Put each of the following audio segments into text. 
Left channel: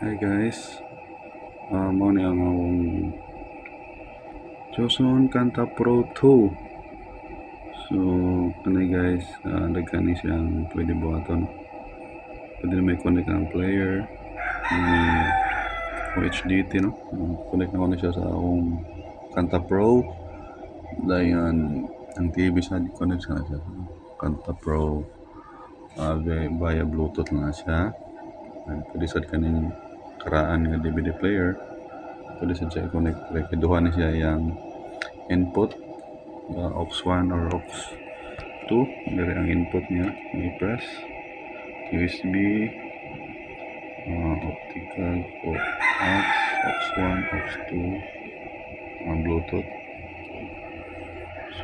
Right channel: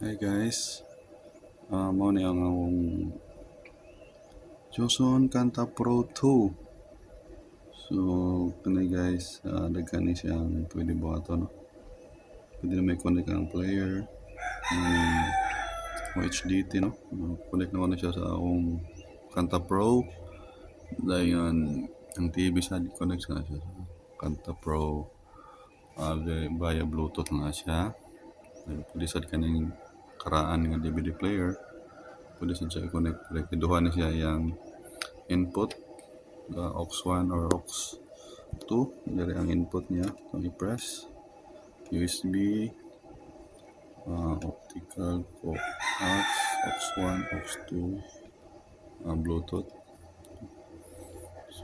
Hi guys, mo ni ang akong Joson Kanta Pro 2. So, kanay guys, daghan ni siyang pwede buhaton, no? Pwede na may connect ang player, o HDT, no? Connect na ko na siya sa akong Kanta Pro. Dayan, ang TV sa connect sa siya sa Kanta Pro. Via Bluetooth lang na siya. Pwede sa kaning karaan nga DVD player. Pwede siya i-connect. Iduha na siya yung input, aux 1 or aux 2. Dari ang input niya. I-press. USB, optical, aux, aux 1, aux 2, ang Bluetooth.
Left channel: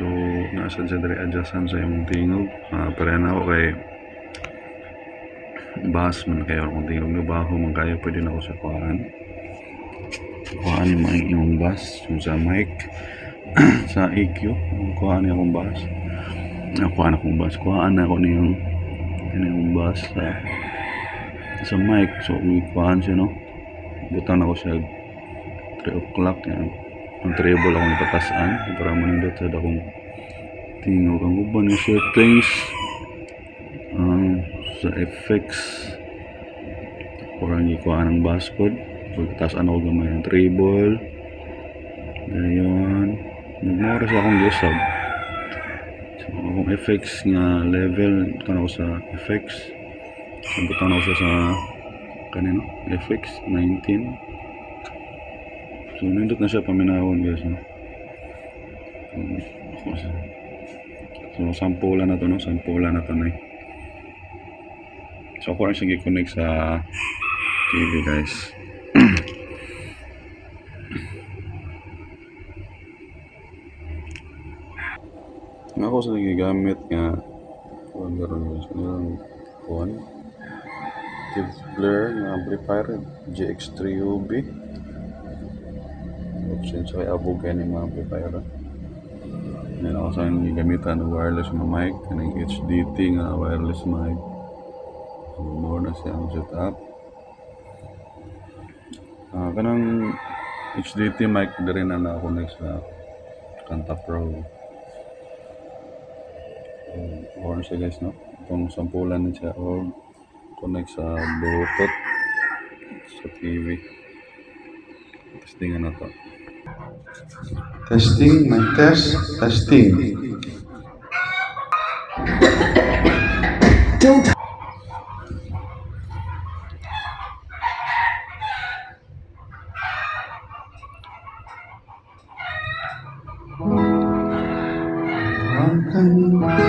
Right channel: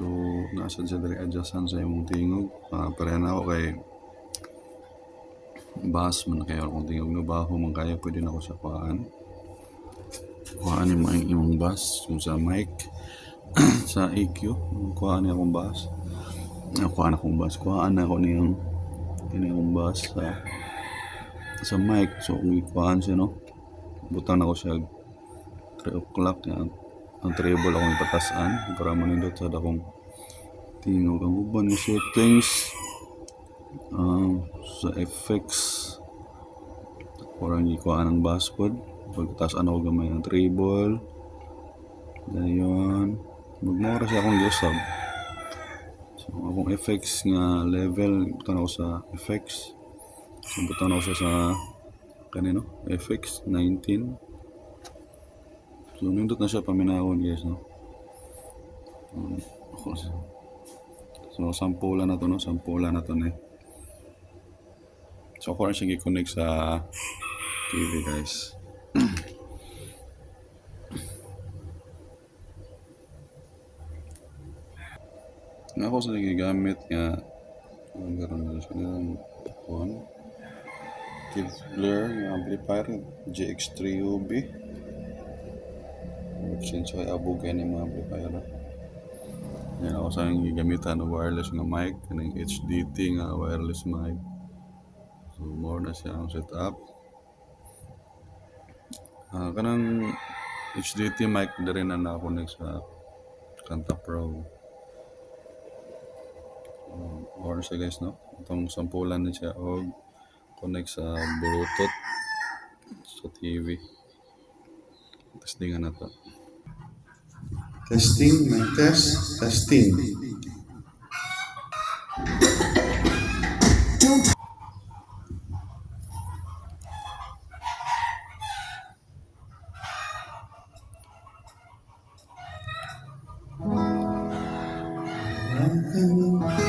So, nasa dyan dari adjustan sa imong tingog. Pareha na ako kay bass man kayo kung tingog na baho man kayo pwede na ako sa kuhaan yung mga imong bass yung sa mic sa EQ kuhaan niya akong bass kuhaan na ako niyong bass sa mic. So kung kuhaan siya, no, butang ako siya 3 o'clock yan ang treble akong ipatasan para manindot sa akong tingog. Ang uban yung settings sa effects kurang ikuha ng bass pod pagkataas ako gamay ng treble ngayon magmura siya akong giusab. So akong effects nga level butan ako sa effects, so butan ako siya sa kanino effects 19. So nindot na siya paminahon guys, no? So sampulan na to, no? Sampulan na to na. So ako rin siya i-connect sa TV guys. Ako sa nagigamit nga kung meron nyo siya nilang phone Kid Blair nga amplifier GX3 UB since ay abog kayo ng mga amplifier. Yan ako sa yung gigamitan ng wireless nga mic ng HDT nga wireless mic. So more na siya ang setup. Kanang HDT mic na rin na na-connect sa Kanta Pro. Or siya guys, no? Itong sampulan na siya o connect sa Bluetooth sa TV. Testingan na to. Testing, mic test, testing. Don't. Welcome.